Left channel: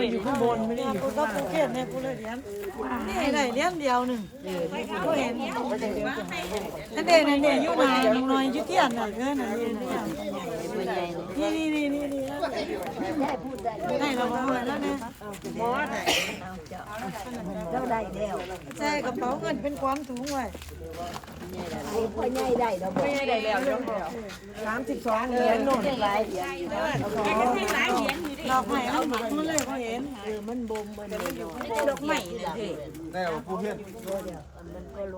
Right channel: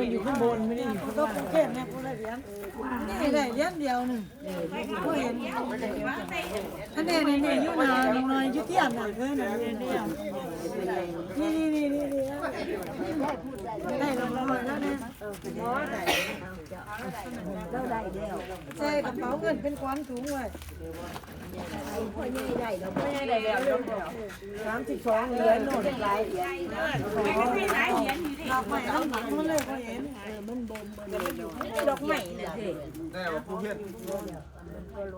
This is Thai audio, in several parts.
มันอยู่ข้างบนไม่ได้อยู่ข้างล่างเก็บเนี่ยกูละเหรียญนี่ได้เหรียญเดียวหนึ่งกูเห็นอันเด่นเนี่ยอยู่ไหนอยู่หน่อยอยู่ที่อันไหนเพื่อนไหนอยู่เดียวนี่นี่นี่นี่นี่ได้เราประมาณแล้วเนี่ยเจ้าได้แล้วใช่กระเป๋าเงินเป็นก้อนถุงไว้พ่อใหญ่ได้แล้วพ่อใหญ่ได้แล้วสามสิบสองเหรียญโน่นหลาย อย่างบอกไม่เอาหนังมาเลยเขาเห็นเออมันบ่มบ่เลยดอกไม้นี่เด้แน่ว่าผู้เพี้ยน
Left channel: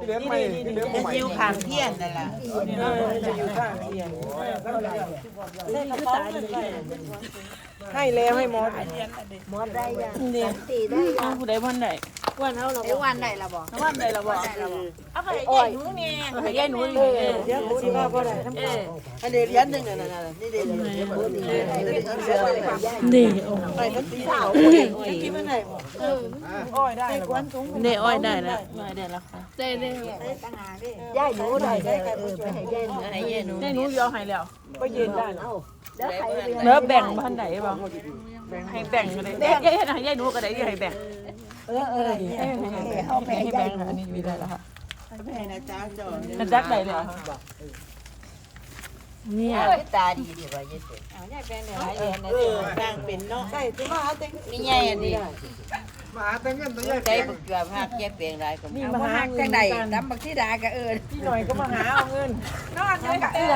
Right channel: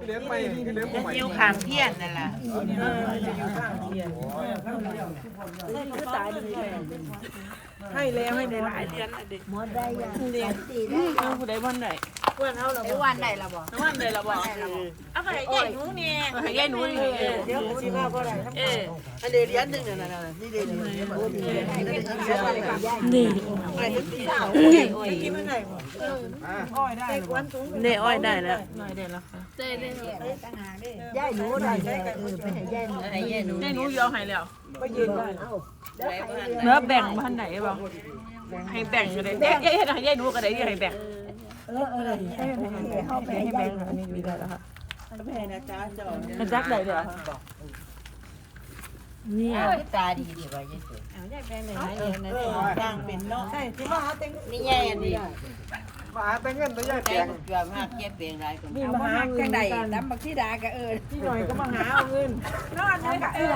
เลี้ยงไม่เลี้ยงผู้ใหม่เจียวขามเพี้ยนนั่นล่ะจะอยู่ข้างเพี้ยนตายดีให้แล้วให้หมอหมอได้ยังเด็กตีได้ยังผู้ใด วันไหนไอ้วันได้ละบ่วันใดละบ่เอาไปให้หนูนี่เอาไปให้หนูนี่เดี๋ยวกูสิว่าบ่ได้เอออันเดียเหรียญหนึ่งอะนะนี่เดียวนี่ไอ้ตีสาวกินไม่ได้อ้อยได้ไอ้ก้อนถุงได้อ้อยได้แล้วยายหนูได้แล้วเออไปให้ยายหนูให้ยายหนูให้หนูยอมให้แล้วก็ยืนได้แล้วแล้วแบ่งพันไหนบ่ให้แบ่งเลยแบ่งให้ให้ยายดูก็ได้ให้แบ่ง เออเออเฮาไปให้ยายหนูมันดักไหนเลยเนี่ยตาดีดีว่ายายเจ๋เอาได้แบ่งได้หลายอย่านะต่างเป็นเนาะใช่ที่ว่าเต็งมีใหญ่อันนี้มาหาแต่เงินตัวใหญ่ใจแปลงเกือบหักแก่เปลียงหลยก็นี่มาหาเงินกันดำบักที่ดาก็เอิ้นพี่หน่อยก็มาหาเอาเงินนอนเลยก็เอิ้